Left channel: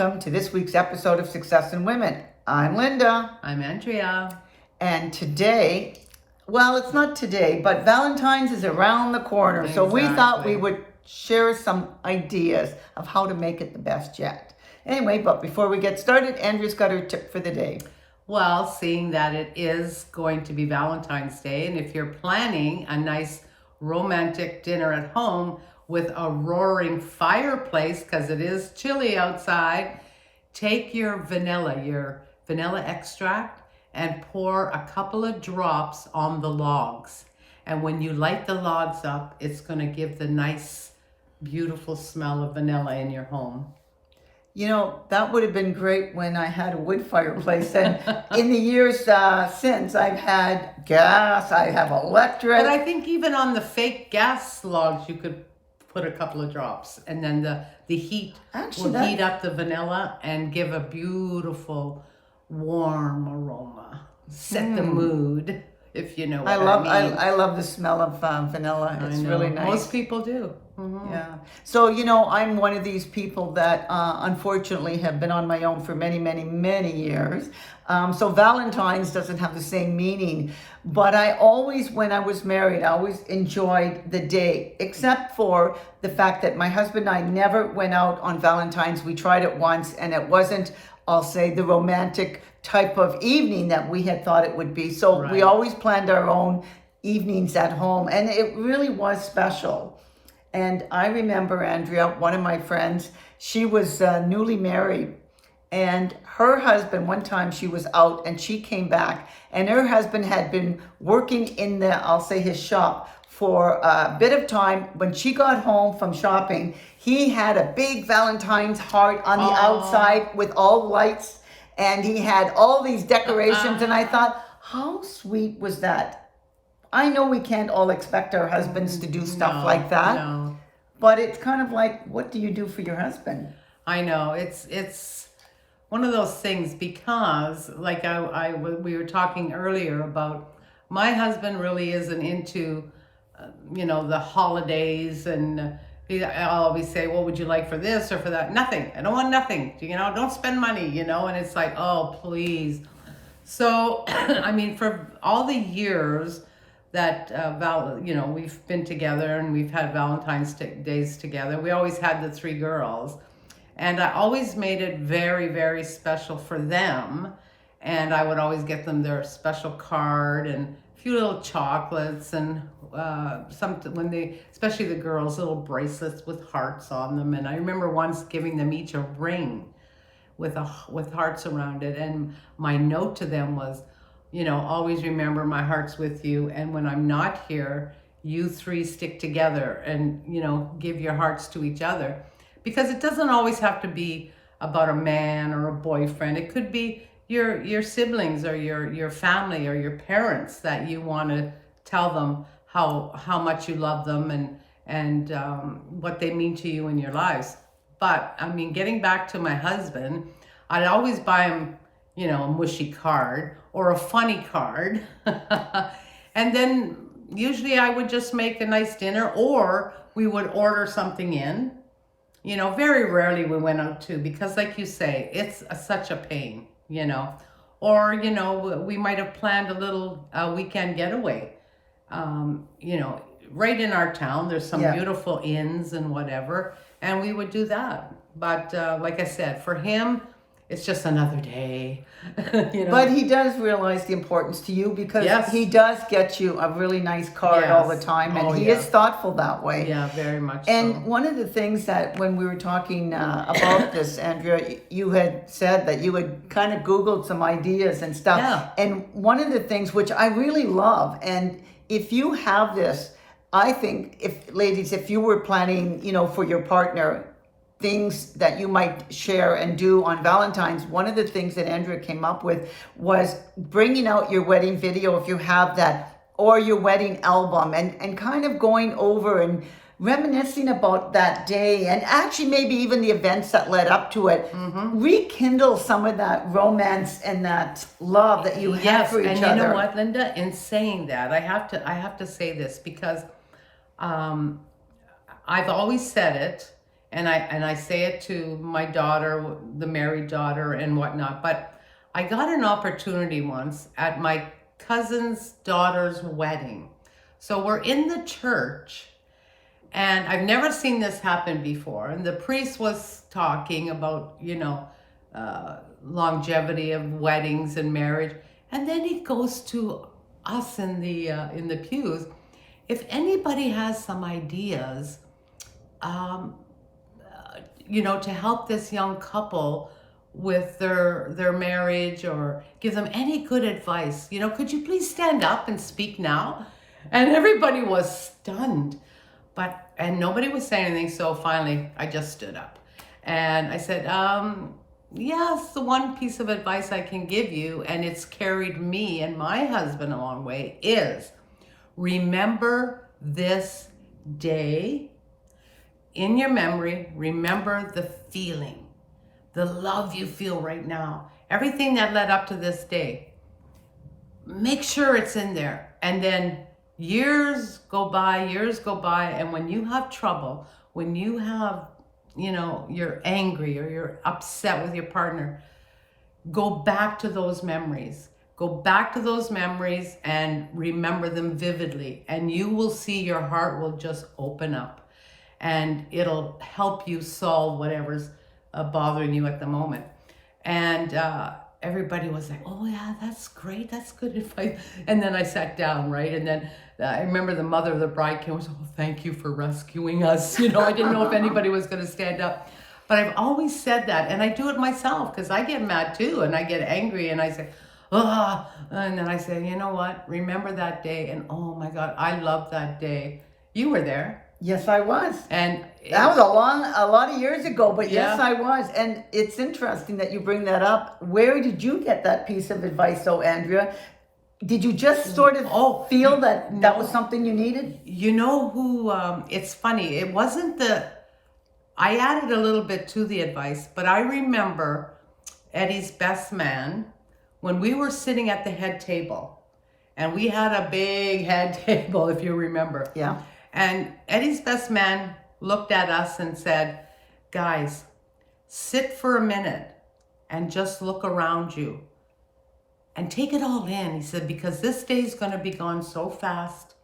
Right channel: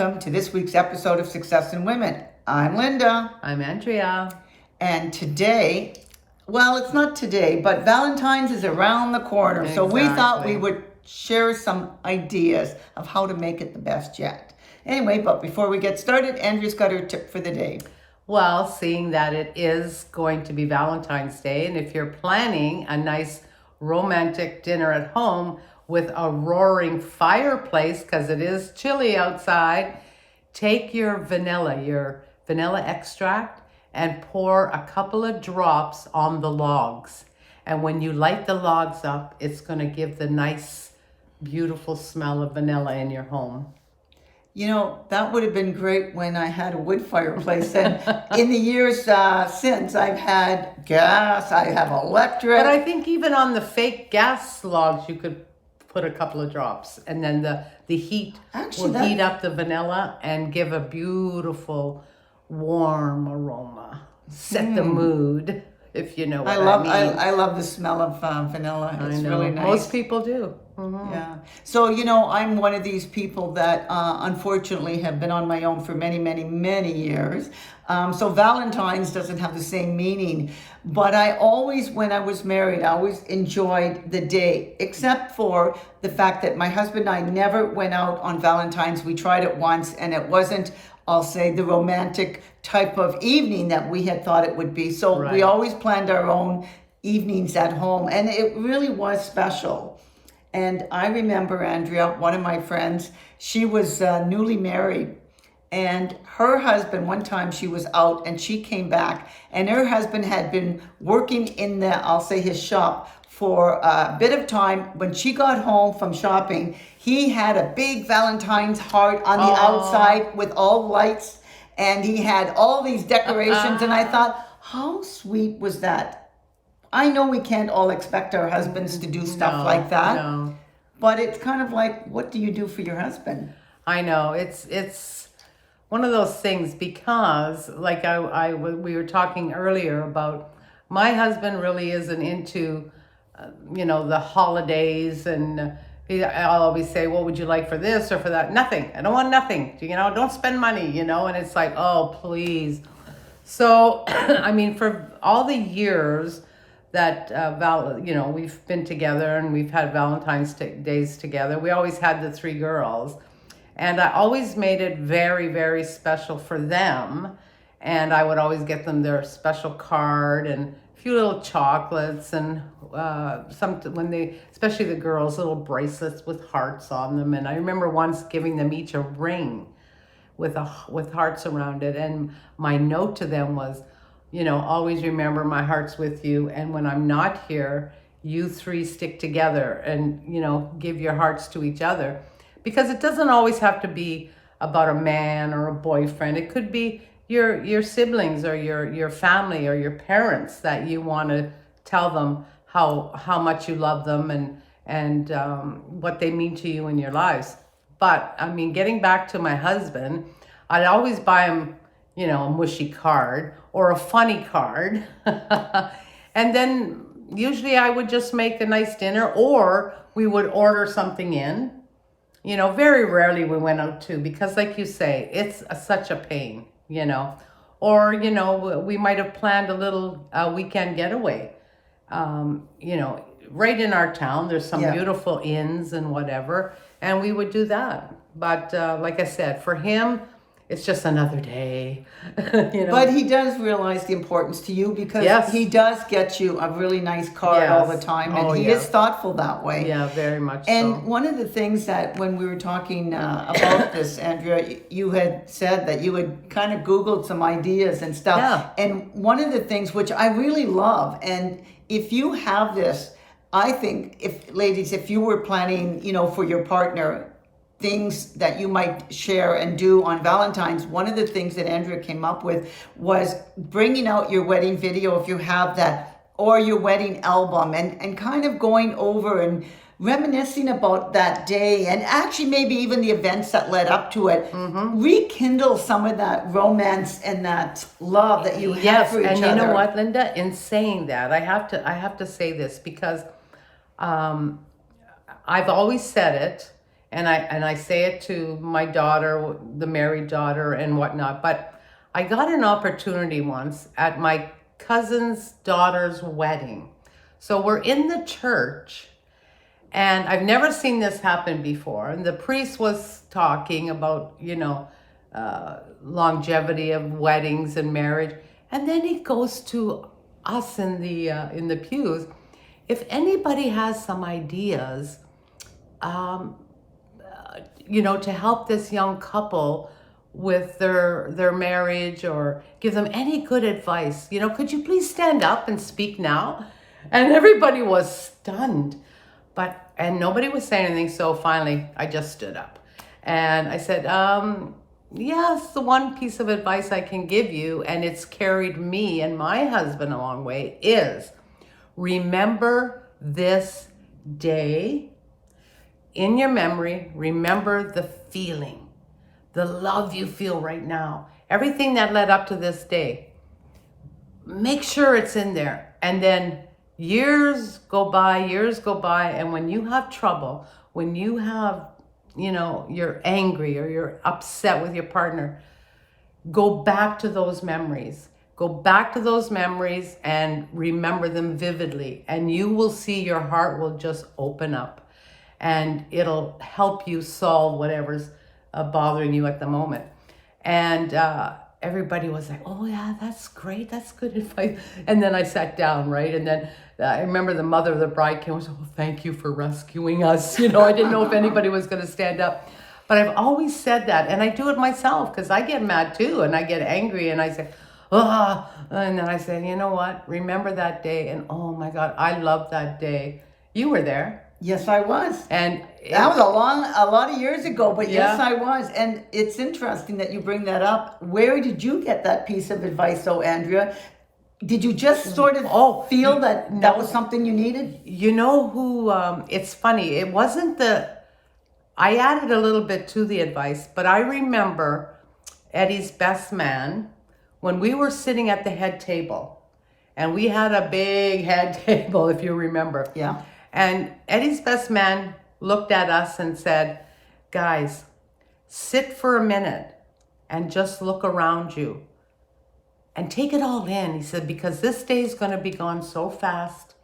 welcome to this week's episode of Success in Women. I'm Linda. I'm Andrea. And today, well, it's not today, but Valentine's is around the corner. Exactly. So we thought we would share some ideas of how to make it the best yet. Anyway, but before we get started, Andrea's got her tip for the day. Well, seeing that it is going to be Valentine's Day, and if you're planning a nice romantic dinner at home with a roaring fireplace, because it is chilly outside, take your vanilla extract, and pour a couple of drops on the logs. And when you light the logs up, it's going to give the nice, beautiful smell of vanilla in your home. You know, that would have been great when I had a wood fireplace. And in the years since, I've had gas, I have electric. But I think even on the fake gas logs, you could put a couple of drops. And then the heat will heat up the vanilla and give a beautiful, warm aroma. Set the mood, if you know what I mean. I love the smell of vanilla. It's really nice. Most people do. Mm-hmm. Yeah. So, you know, I'm one of these people that unfortunately have been on my own for many, many, many years. So Valentine's doesn't have the same meaning. But I always, when I was married, I always enjoyed the day, except for the fact that my husband and I never went out on Valentine's. We tried it once, and it wasn't, I'll say, the romantic type of evening that we had thought it would be. So we always planned our own evenings at home, and it really was special. And I remember, Andrea, one of my friends, she was newly married, and her husband, one time she was out and she came back, and her husband had been working in his shop for a bit of time. When she got home from shopping, he had a big Valentine's heart on the outside with all lights, and he had all these decorations, and I thought, how sweet was that? I know we can't all expect our husbands to do stuff like that, but it's kind of like, what do you do for your husband? I know, it's one of those things, because like we were talking earlier about, my husband really isn't into, the holidays, and I'll always say, what would you like for this or for that? Nothing. I don't want nothing. Don't spend money, and it's like, oh, please. So, I mean, for all the years that we've been together and we've had Valentine's days together, we always had the three girls, and I always made it very, very special for them. And I would always get them their special card and a few little chocolates, and especially the girls, little bracelets with hearts on them. And I remember once giving them each a ring with hearts around it, and my note to them was, always remember my heart's with you, and when I'm not here, you three stick together and, give your hearts to each other. Because it doesn't always have to be about a man or a boyfriend. It could be your siblings or your family or your parents, that you want to tell them how much you love them and what they mean to you in your lives. But, I mean, getting back to my husband, I'd always buy him, a mushy card or a funny card. And then usually I would just make a nice dinner, or we would order something in. Very rarely we went out too, because like you say, it's such a pain, Or, we might have planned a little weekend getaway. Right in our town, there's some beautiful inns and whatever, and we would do that. But like I said, for him, it's just another day. But he does realize the importance to you, because he does get you a really nice card all the time, and he is thoughtful that way. Yeah, very much and so. One of the things that when we were talking about this, Andrea, you had said that you had kind of Googled some ideas and stuff. Yeah. And one of the things which I really love, and if you have this, I think, ladies, if you were planning, for your partner, things that you might share and do on Valentine's, one of the things that Andrea came up with was bringing out your wedding video, if you have that, or your wedding album, and kind of going over and reminiscing about that day, and actually maybe even the events that led up to it. Rekindle some of that romance and that love that you had for each other. And you know what, Linda, in saying that, I have to say this, because I've always said it, and I say it to my daughter, the married daughter and whatnot, but I got an opportunity once at my cousin's daughter's wedding. So we're in the church, and I've never seen this happen before. And the priest was talking about, longevity of weddings and marriage. And then he goes to us in the pews. If anybody has some ideas, to help this young couple with their marriage, or give them any good advice, could you please stand up and speak now? And everybody was stunned, and nobody was saying anything. So finally, I just stood up and I said, yes, the one piece of advice I can give you, and it's carried me and my husband a long way, is remember this day in your memory. Remember the feeling, the love you feel right now, everything that led up to this day. Make sure it's in there. And then years go by, and when you have trouble, when you have, you're angry or you're upset with your partner, go back to those memories. Go back to those memories and remember them vividly, and you will see your heart will just open up, and it'll help you solve whatever's bothering you at the moment. And everybody was like, oh yeah, that's great, that's good advice. And then I sat down, right? And then I remember the mother of the bride came and said, oh, thank you for rescuing us. I didn't know if anybody was going to stand up. But I've always said that, and I do it myself, because I get mad too, and I get angry, and I say, oh, and then I say, you know what? Remember that day, and oh my God, I love that day. You were there. Yes, I was. And that was a lot of years ago, but yeah. Yes, I was. And it's interesting that you bring that up. Where did you get that piece of advice, though, Andrea? Did you just sort of feel that that was something you needed? You know who, it's funny, it wasn't I added a little bit to the advice, but I remember Eddie's best man, when we were sitting at the head table, and we had a big head table, if you remember. Yeah. And Eddie's best man looked at us and said, guys, sit for a minute and just look around you and take it all in. He said, because this day is going to be gone so fast,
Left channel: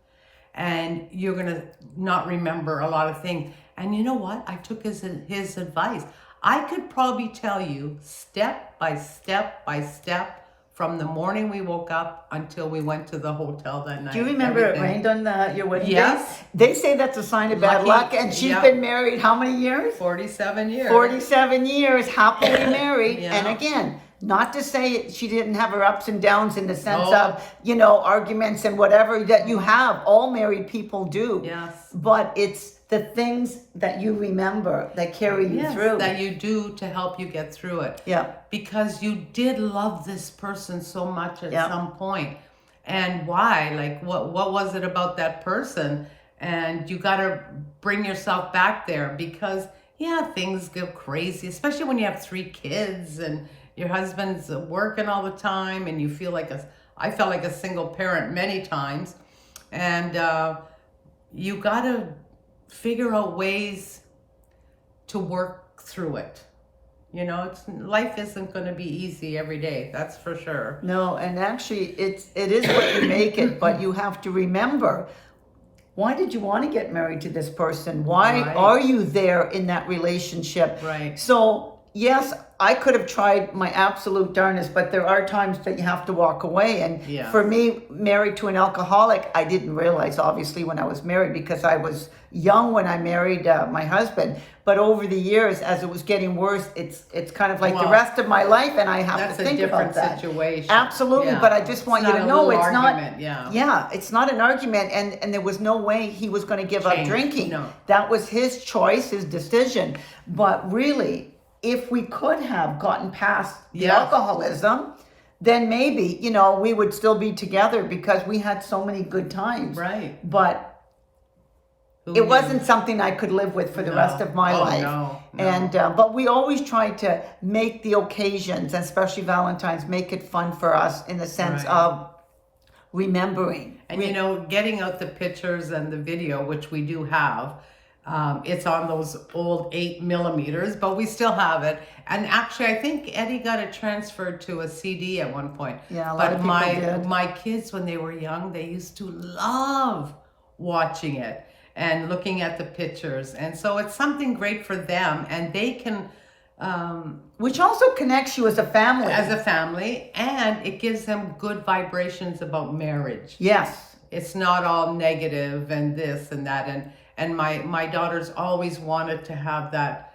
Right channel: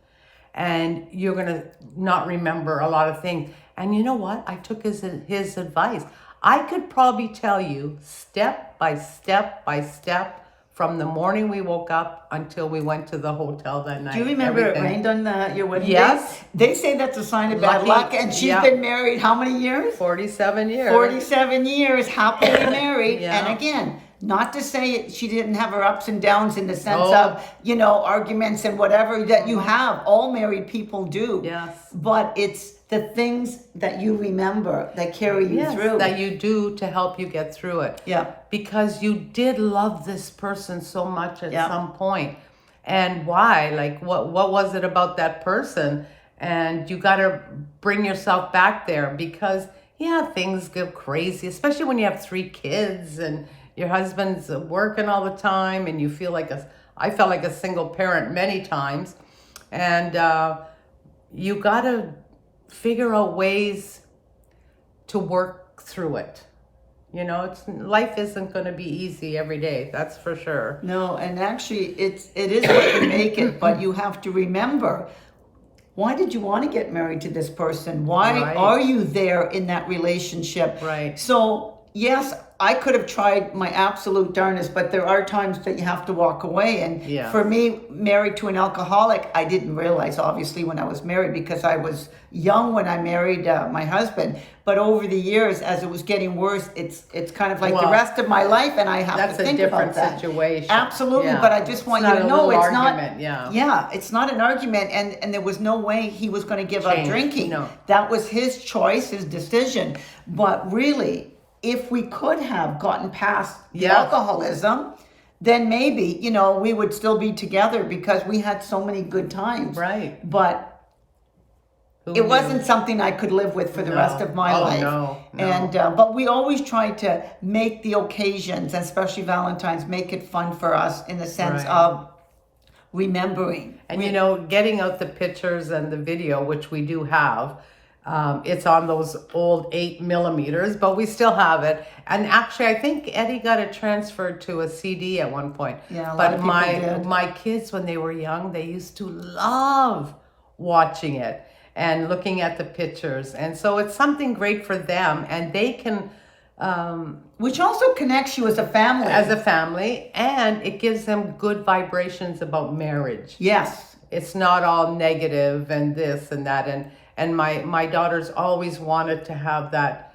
and you're going to not remember a lot of things. And you know what? I took his advice. I could probably tell you step by step by step, from the morning we woke up until we went to the hotel that night. Do you remember everything. It rained on your wedding yes. day? They say that's a sign of bad luck. And she's been married how many years? 47 years. 47 years, happily married. Yeah. And again, not to say she didn't have her ups and downs in the sense of, arguments and whatever that you have. All married people do. Yes. But it's the things that you remember that carry you through. That you do to help you get through it. Yeah. Because you did love this person so much at some point. And why? Like, what was it about that person? And you got to bring yourself back there, because, things get crazy, especially when you have 3 kids and your husband's working all the time, and you feel like I felt like a single parent many times. And you got to figure out ways to work through it. Life isn't going to be easy every day, that's for sure. No, and actually it is what you make it, but you have to remember, why did you want to get married to this person? Why are you there in that relationship? Right. So yes, I could have tried my absolute darnest, but there are times that you have to walk away. And for me, married to an alcoholic, I didn't realize, obviously, when I was married, because I was young when I married my husband. But over the years, as it was getting worse, it's kind of like the rest of my life, and I have to think about that. That's a different situation. Absolutely, but I just want you to know it's not. Yeah, it's not an argument, and there was no way he was going to give up drinking. No. That was his choice, his decision. But really, if we could have gotten past the alcoholism, then maybe, we would still be together, because we had so many good times. Right. But it wasn't something I could live with for the rest of my life. No. And but we always tried to make the occasions, and especially Valentine's, make it fun for us in the sense of remembering. And getting out the pictures and the video, which we do have, It's on those old 8 millimeters, but we still have it. And actually, I think Eddie got it transferred to a CD at one point. Yeah, a lot But of people did. my kids, when they were young, they used to love watching it and looking at the pictures. And so it's something great for them, and they can, Which also connects you as a family, and it gives them good vibrations about marriage. Yes. It's not all negative and this and that. And my daughters always wanted to have that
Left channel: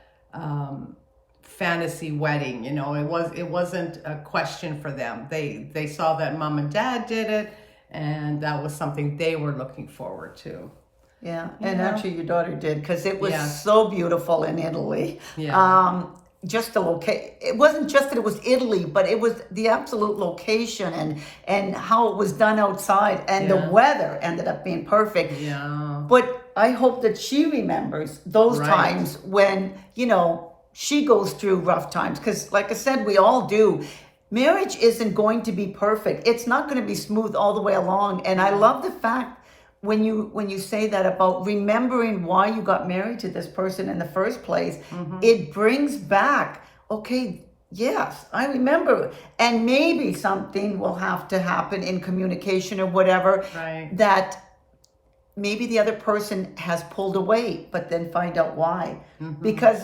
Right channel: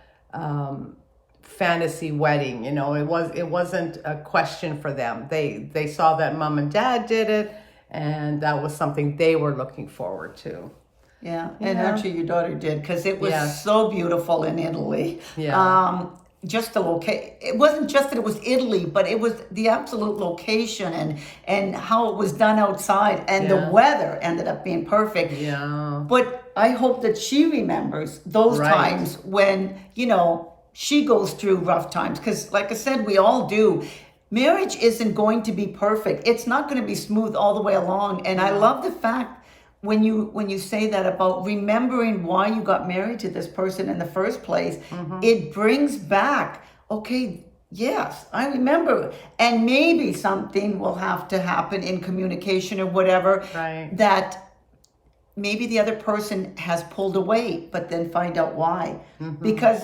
fantasy wedding. You know, it wasn't a question for them. They saw that mom and dad did it, and that was something they were looking forward to. Yeah, and actually your daughter did, because it was Yeah. so beautiful in Italy. Yeah. Just the location. It wasn't just that it was Italy, but it was the absolute location and how it was done outside, and the Yeah. weather ended up being perfect. Yeah. But I hope that she remembers those Right. times when, she goes through rough times. Because, like I said, we all do. Marriage isn't going to be perfect. It's not going to be smooth all the way along. And I love the fact when you say that about remembering why you got married to this person in the first place. It brings back, okay, yes, I remember. And maybe something will have to happen in communication or whatever, Right. that maybe the other person has pulled away, but then find out why. Because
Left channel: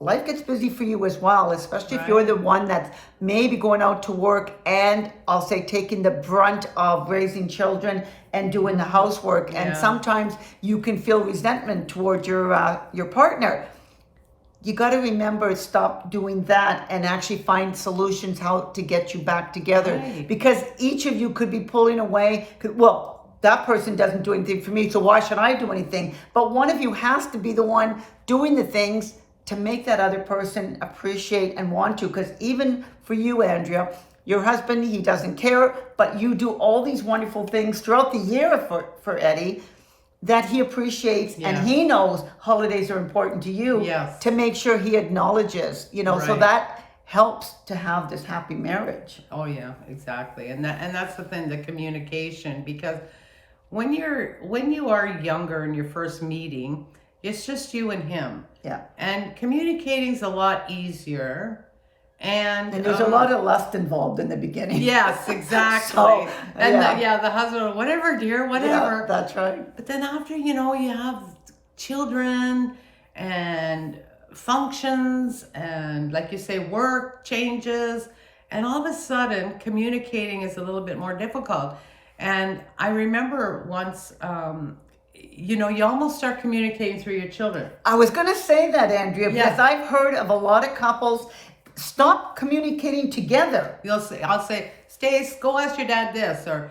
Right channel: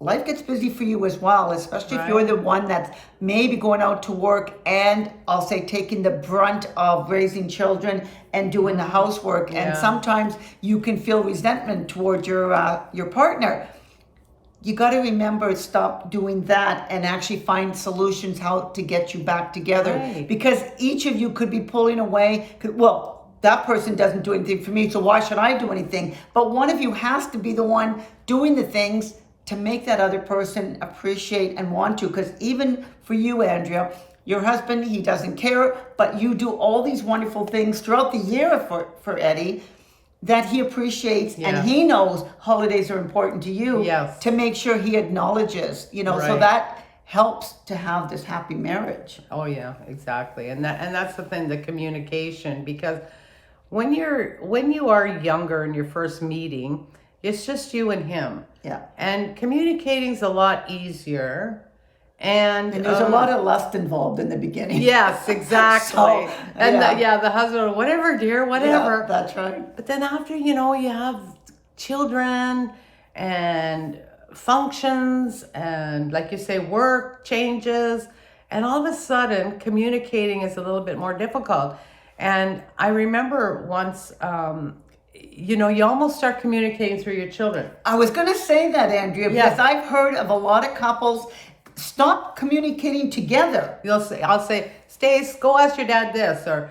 life gets busy for you as well, especially if you're the one that's maybe going out to work and, I'll say, taking the brunt of raising children and doing the housework. And Yeah. sometimes you can feel resentment towards your partner. You got to remember, stop doing that and actually find solutions how to get you back together. Right. Because each of you could be pulling away. Well, that person doesn't do anything for me, so why should I do anything? But one of you has to be the one doing the things to make that other person appreciate and want to. Because even for you, Andrea, your husband, he doesn't care, but you do all these wonderful things throughout the year for Eddie that he appreciates, and he knows holidays are important to you. Yes. To make sure he acknowledges, so Right. that helps to have this happy marriage. Oh yeah, exactly. And that's the thing, the communication, because when you are younger in your first meeting, it's just you and him. Yeah. And communicating is a lot easier. And there's a lot of lust involved in the beginning. Yes, exactly. So, and yeah. the husband, whatever, dear, whatever. Yeah, that's right. But then after, you have children and functions and, like you say, work changes. And all of a sudden, communicating is a little bit more difficult. And I remember once, you almost start communicating through your children. I was going to say that, Andrea, Yeah. because I've heard of a lot of couples stop communicating together. I'll say, Stace, go ask your dad this, or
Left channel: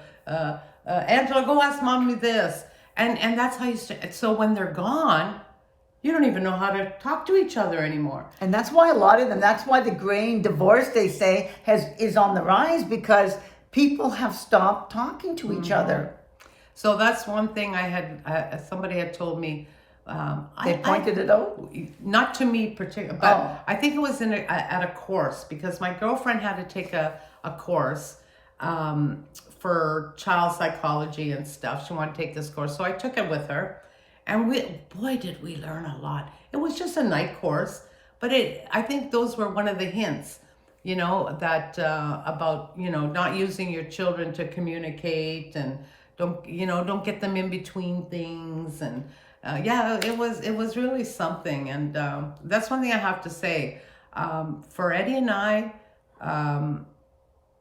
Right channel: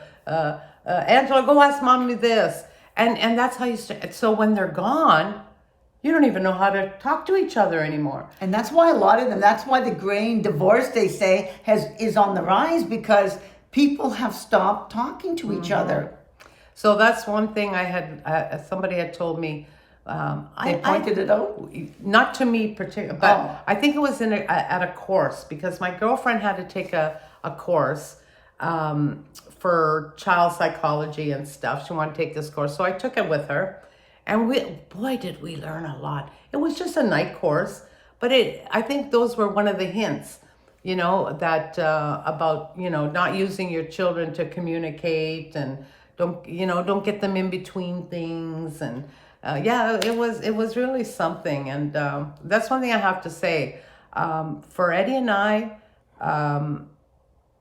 Angela, go ask mommy this, and that's how you start. So when they're gone, you don't even know how to talk to each other anymore. And that's why a lot of them, that's why the grain divorce, they say, is on the rise, because people have stopped talking to each other. So that's one thing I had, somebody had told me. They pointed it out? Not to me particularly, but Oh. I think it was at a course, because my girlfriend had to take a course for child psychology and stuff. She wanted to take this course, so I took it with her, and boy, did we learn a lot. It was just a night course, but I think those were one of the hints, that about not using your children to communicate, and don't get them in between things, and it was really something. And that's one thing I have to say. For Eddie and I,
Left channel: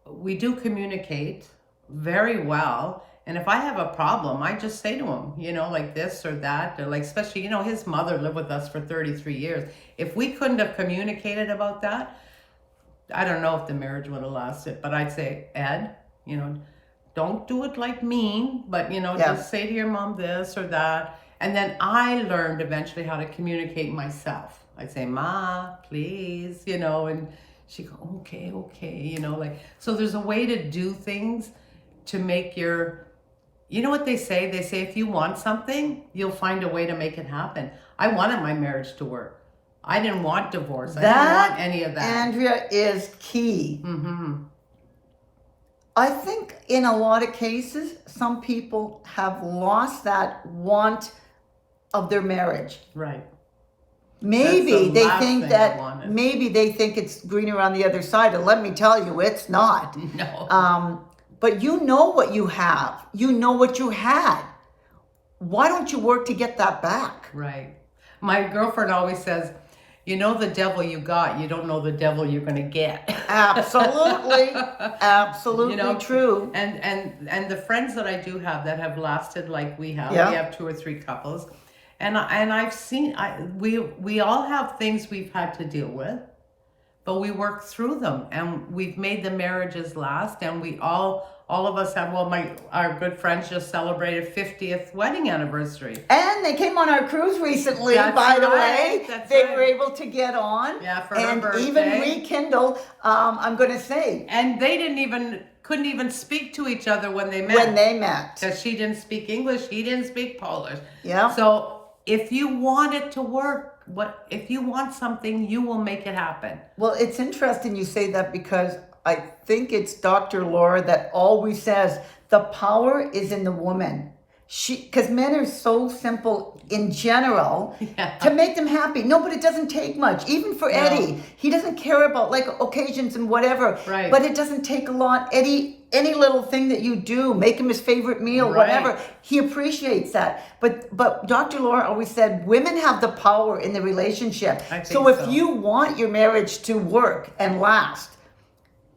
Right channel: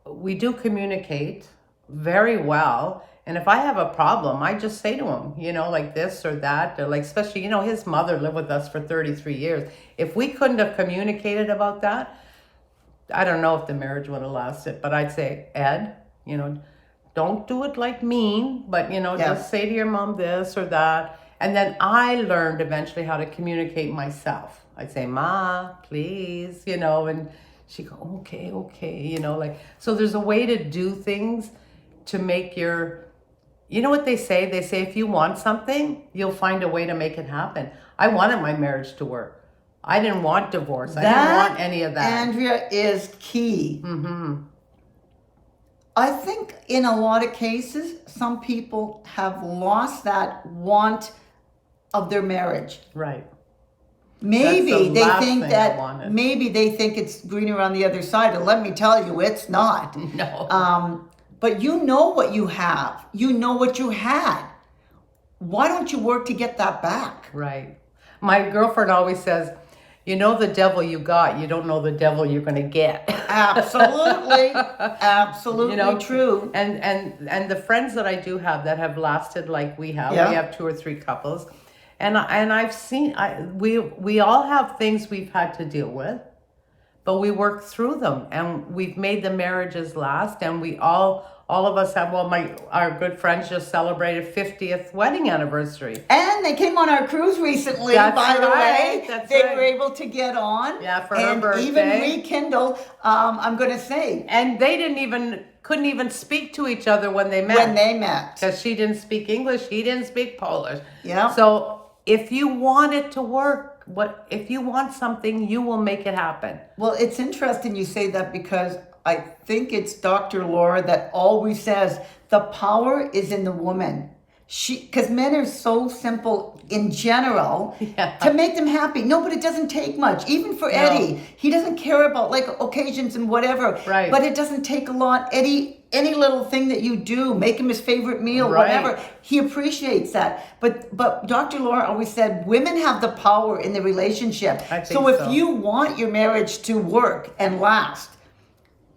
we do communicate very well. And if I have a problem, I just say to him, like this or that, or like, especially, his mother lived with us for 33 years. If we couldn't have communicated about that, I don't know if the marriage would have lasted, but I'd say, Ed, don't do it like mean, but, just say to your mom this or that. And then I learned eventually how to communicate myself. I'd say, Ma, please, and she'd go, okay, so there's a way to do things to make what they say? They say, if you want something, you'll find a way to make it happen. I wanted my marriage to work. I didn't want divorce. I didn't want any of that. Andrea, is key. I think in a lot of cases, some people have lost that want of their marriage. Right. Maybe That's the they last think thing I that wanted. maybe they think it's greener on the other side, and let me tell you, it's not. No. But you know what you have. You know what you had. Why don't you work to get that back? Right. My girlfriend always says, you know the devil you got, you don't know the devil you're going to get. Absolutely. Absolutely true. And the friends that I do have that have lasted like we Yeah. have 2 or 3 couples. And I've seen we all have things we've had to deal with, but we work through them and we've made the marriages last, and we all of us have, our good friends just celebrated 50th wedding anniversary. And they came on our cruise recently, That's by the right, way. that's They right. were able to get on. Yeah, for her and birthday. even rekindle, I'm going to say, And they couldn't even speak to each other when they met. Because she didn't speak English, he didn't speak Polish. Yeah. So if you want it to work, if you want something, you will make it happen. Well, it's interesting you say that, because I think it's Dr. Laura that always says the power is in the woman. Because men are so simple in general to make them happy. No, but it doesn't take much. Even for Eddie, he doesn't care about like occasions and whatever. Right. But it doesn't take a lot. Eddie, any little thing that you do, make him his favorite meal, Right. whatever, he appreciates that. But Dr. Laura always said women have the power in the relationship. I think So if so. you want your marriage to work and last,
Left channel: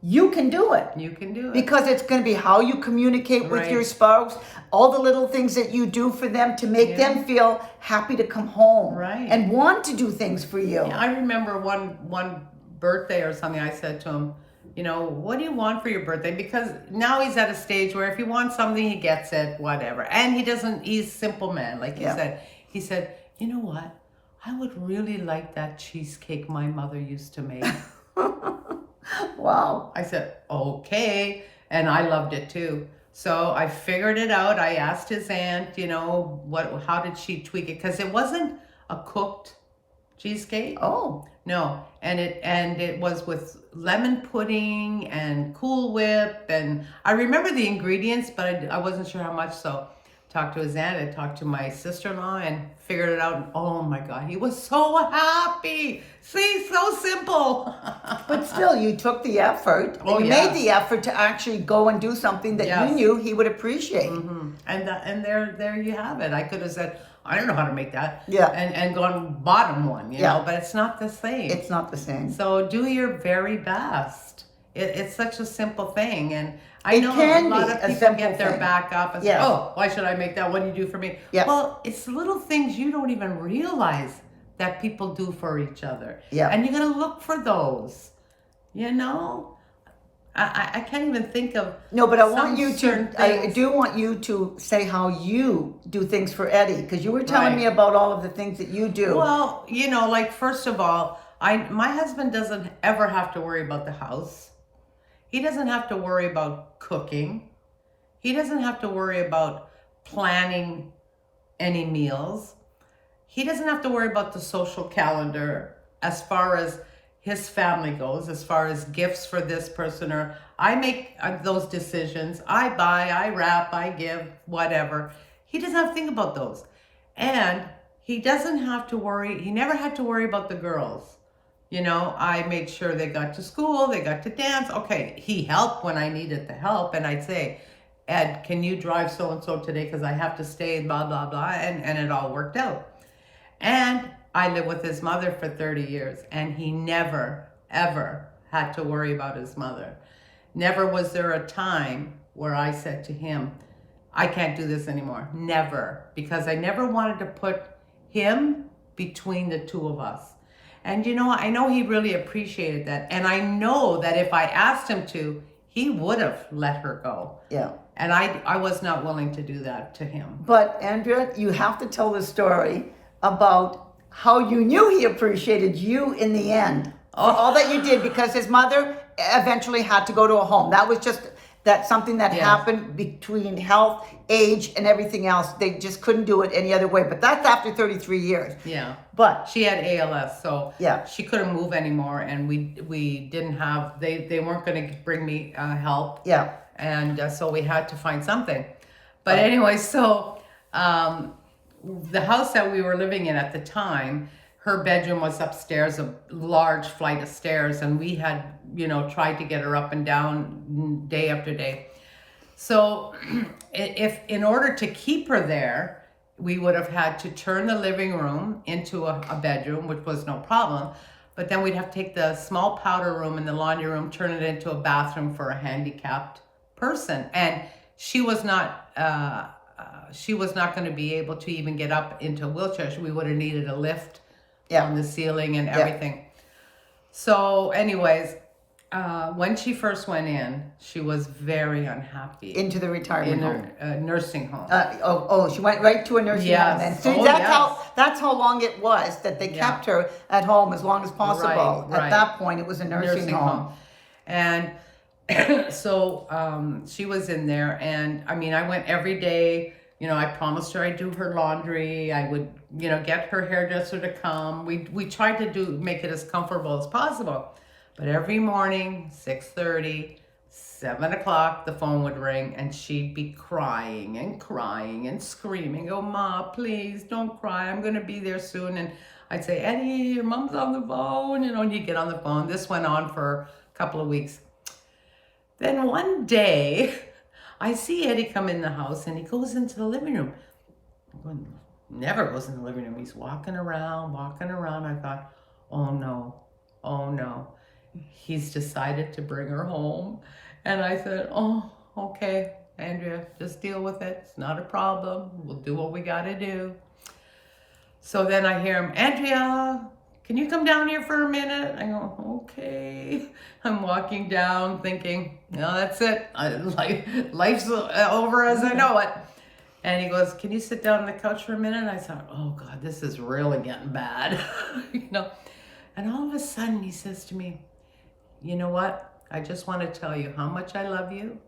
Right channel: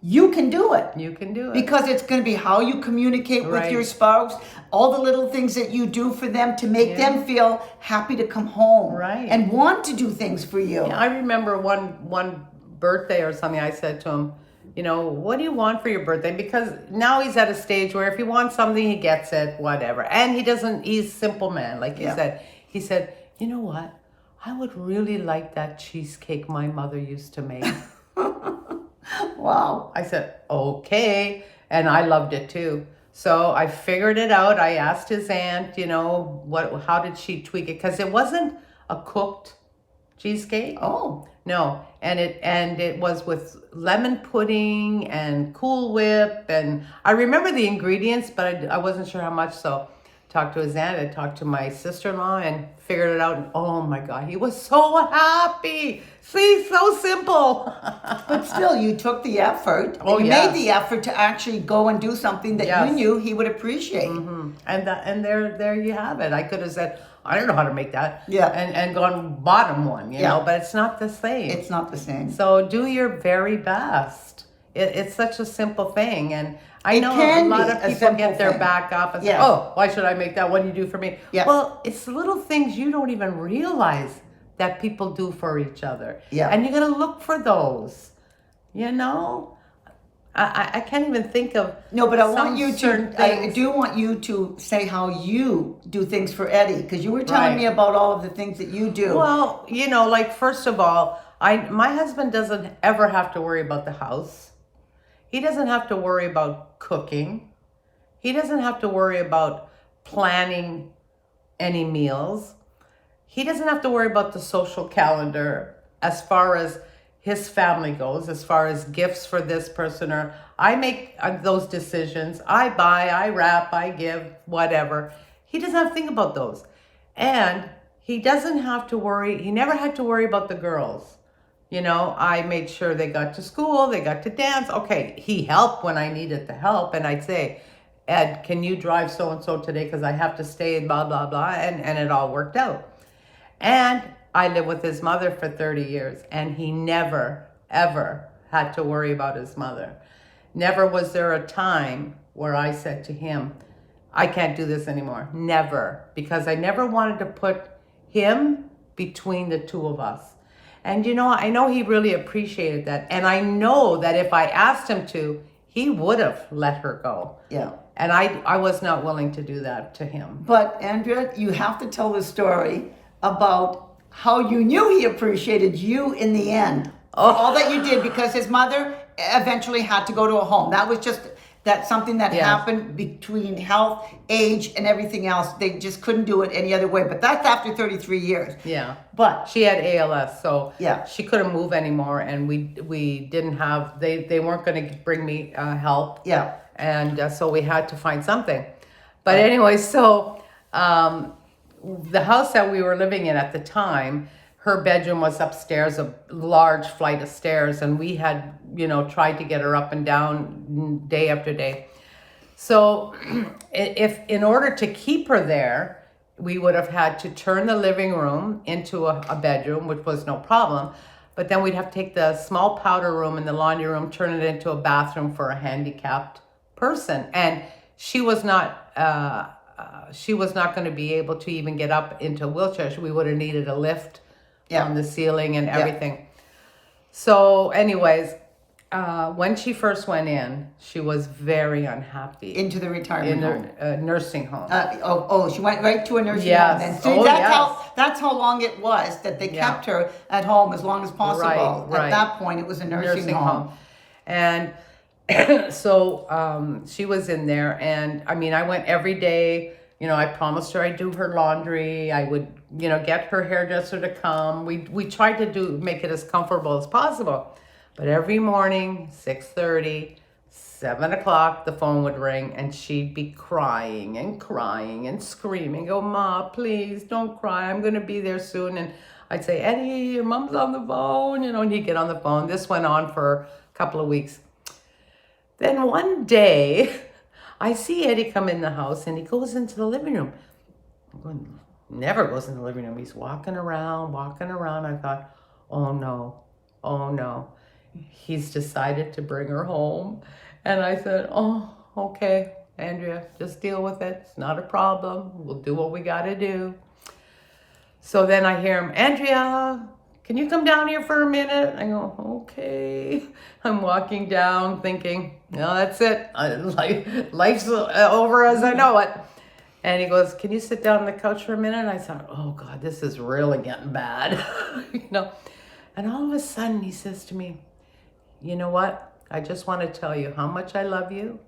you can do it. You can do it. Because it's going to be how you communicate with Right. your spouse, all the little things that you do for them to make them feel happy to come home. Right. And want to do things for you. I remember one birthday or something, I said to him, you know, what do you want for your birthday? Because now he's at a stage where if he wants something, he gets it, whatever. And he's a simple man, like you said. He said, you know what? I would really like that cheesecake my mother used to make. Wow. I said, okay. And I loved it too. So I figured it out. I asked his aunt, you know, how did she tweak it? Because it wasn't a cooked cheesecake. Oh. No. And it was with lemon pudding and Cool Whip. And I remember the ingredients, but I wasn't sure how much. So talked to his aunt, I talked to my sister-in-law and figured it out. And oh my God, he was so happy. See, so simple. But still, you took the effort. Oh, you yeah. made the effort to actually go and do something that you knew he would appreciate. Mm-hmm. And there you have it. I could have said, I don't know how to make that. Yeah. And gone bottom one, you know, but it's not the same. It's not the same. So do your very best. It's such a simple thing. And I know can a lot be of a people simple get their thing. back up and say, Yes. oh, why should I make that? What do you do for me? Yeah. Well, it's little things you don't even realize that people do for each other. Yeah. And you're going to look for those, you know? I can't even think of. No, but I want you certain to, I things. do want you to say how you do things for Eddie, because you were telling Right. me about all of the things that you do. Well, you know, like first of all, my husband doesn't ever have to worry about the house. He doesn't have to worry about cooking. He doesn't have to worry about planning any meals. He doesn't have to worry about the social calendar as far as his family goes, as far as gifts for this person, or I make those decisions. I buy, I wrap, I give, whatever. He doesn't have to think about those. And he doesn't have to worry, he never had to worry about the girls. You know, I made sure they got to school, they got to dance. Okay, he helped when I needed the help. And I'd say, Ed, can you drive so-and-so today because I have to stay, blah, blah, blah. And it all worked out. And I lived with his mother for 30 years. And he never, ever had to worry about his mother. Never was there a time where I said to him, I can't do this anymore. Never. Because I never wanted to put him between the two of us. And you know, I know he really appreciated that. And I know that if I asked him to, he would have let her go. Yeah. And I was not willing to do that to him. But Andrea, you have to tell the story about how you knew he appreciated you in the end. For all that you did, because his mother eventually had to go to a home. That was just something that happened between health, age, and everything else. They just couldn't do it any other way. But that's after 33 years. Yeah. But she had ALS, so yeah, she couldn't move anymore, and we didn't have, they weren't going to bring me help. Yeah. And so we had to find something. But anyway, so the house that we were living in at the time, her bedroom was upstairs, a large flight of stairs, and we had, tried to get her up and down day after day. So if in order to keep her there, we would have had to turn the living room into a bedroom, which was no problem. But then we'd have to take the small powder room and the laundry room, turn it into a bathroom for a handicapped person. And she was not going to be able to even get up into a wheelchair. We would have needed a lift on the ceiling and everything. So anyways, when she first went in, she was very unhappy. Into the retirement home. Nursing home. She went right to a nursing home. And that's how long it was that they kept her at home as long as possible. Right. At that point, it was a nursing home. And so she was in there, and I mean, I went every day. I promised her I'd do her laundry. I would, get her hairdresser to come. We tried to make it as comfortable as possible. But every morning, 6:30, 7 o'clock, the phone would ring, and she'd be crying and screaming. Go, Ma, please don't cry. I'm going to be there soon. And I'd say, Eddie, your mom's on the phone, and he'd get on the phone. This went on for a couple of weeks. Then one day, I see Eddie come in the house, and he goes into the living room. Never goes in the living room. He's walking around. I thought, oh no. He's decided to bring her home. And I said, oh, okay, Andrea, just deal with it. It's not a problem. We'll do what we got to do. So then I hear him, Andrea, can you come down here for a minute? I go, okay. I'm walking down thinking, no, that's it. Life's over as I know it. And he goes, can you sit down on the couch for a minute? And I thought, oh God, this is really getting bad. And all of a sudden he says to me, you know what? I just want to tell you how much I love you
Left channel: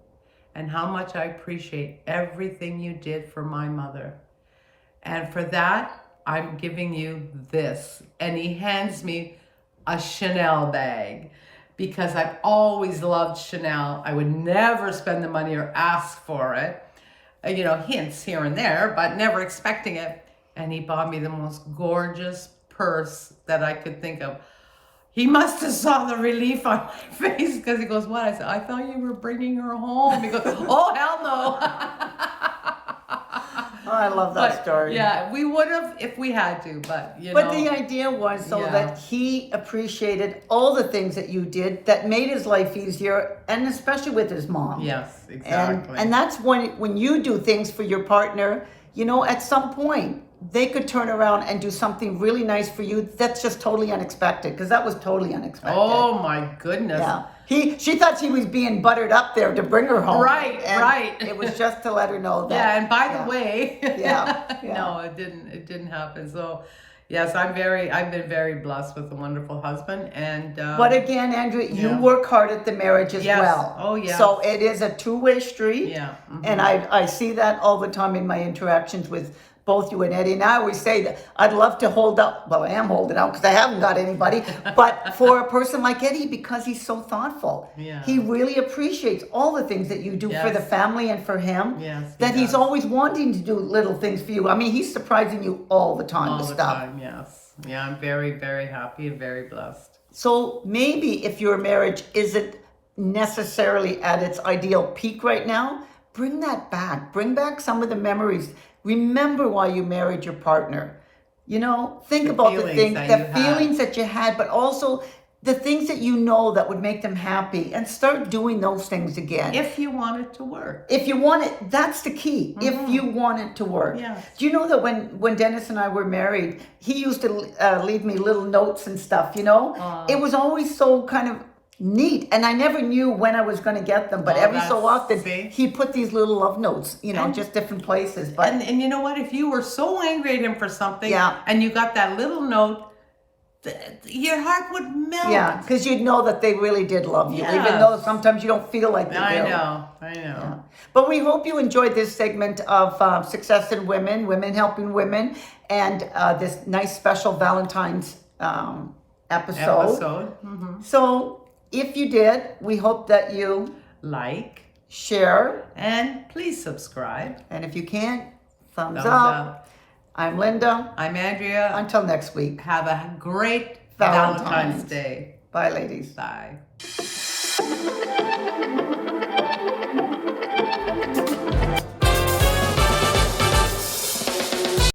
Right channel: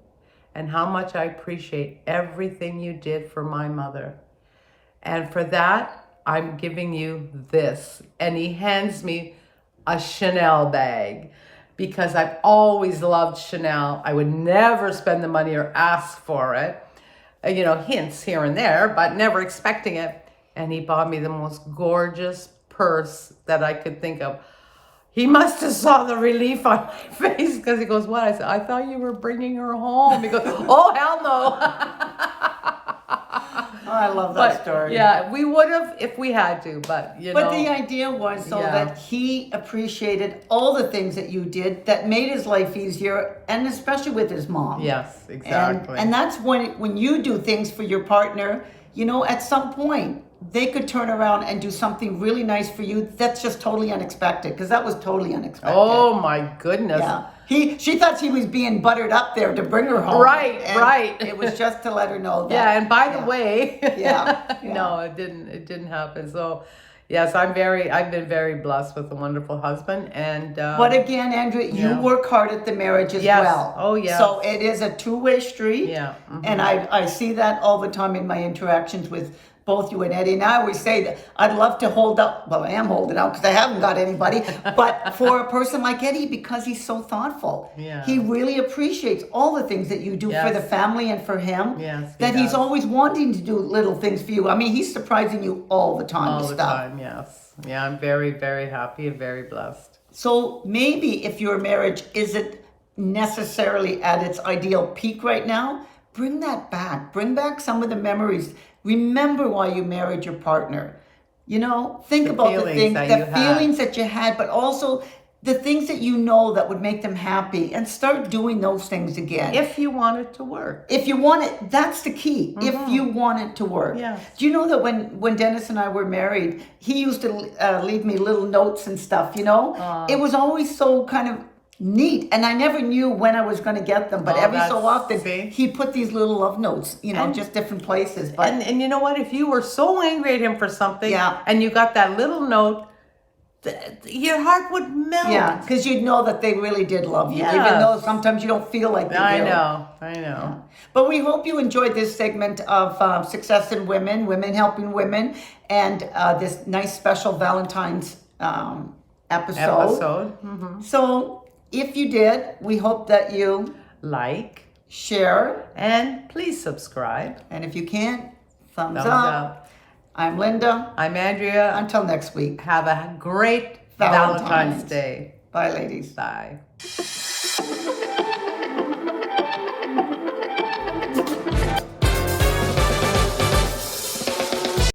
and how much I appreciate everything you did for my mother. And for that, I'm giving you this. And he hands me a Chanel bag because I've always loved Chanel. I would never spend the money or ask for it. Hints here and there, but never expecting it. And he bought me the most gorgeous purse that I could think of. He must have saw the relief on my face because he goes, what? I said, I thought you were bringing her home. He goes, oh, hell no. Oh, I love that story. Yeah, we would have if we had to, but But the idea was that he appreciated all the things that you did that made his life easier, and especially with his mom. Yes, exactly. And that's when you do things for your partner, at some point, they could turn around and do something really nice for you that's just totally unexpected, because that was totally unexpected. Oh my goodness. Yeah. She thought she was being buttered up there to bring her home. Right. It was just to let her know that. Yeah, and by the way, yeah. No, it didn't happen. So yes, I've been very blessed with a wonderful husband, and but again, Andrea, you work hard at the marriage as well. Oh yeah. So it is a two-way street. Yeah. Mm-hmm. And I see that all the time in my interactions with both you and Eddie. And I always say that I'd love to hold up, well, I am holding out because I haven't got anybody, but for a person like Eddie, because he's so thoughtful, he really appreciates all the things that you do for the family and for him, that he's always wanting to do little things for you. I mean, he's surprising you all the time with stuff. All the time, yes. Yeah, I'm very, very happy and very blessed. So maybe if your marriage isn't necessarily at its ideal peak right now, bring that back. Bring back some of the memories. Remember why you married your partner. Think about the feelings that you had, but also the things that that would make them happy, and start doing those things again. If you want it to work. If you want it, that's the key. Mm-hmm. If you want it to work. Yes. Do you know that when Dennis and I were married, he used to leave me little notes and stuff, It was always so kind of neat, and I never knew when I was going to get them, but every so often he put these little love notes, just different places. But and you know what, if you were so angry at him for something, and you got that little note, your heart would melt. Yeah, because you'd know that they really did love you, even though sometimes you don't feel like they do. I know. Yeah. But we hope you enjoyed this segment of Success in Women Helping Women, and this nice special Valentine's episode. Mm-hmm. So if you did, we hope that you like, share, and please subscribe. And if you can't, thumbs up. I'm Linda. I'm Andrea. Until next week. Have a great Valentine's. Valentine's Day. Bye, ladies. Bye.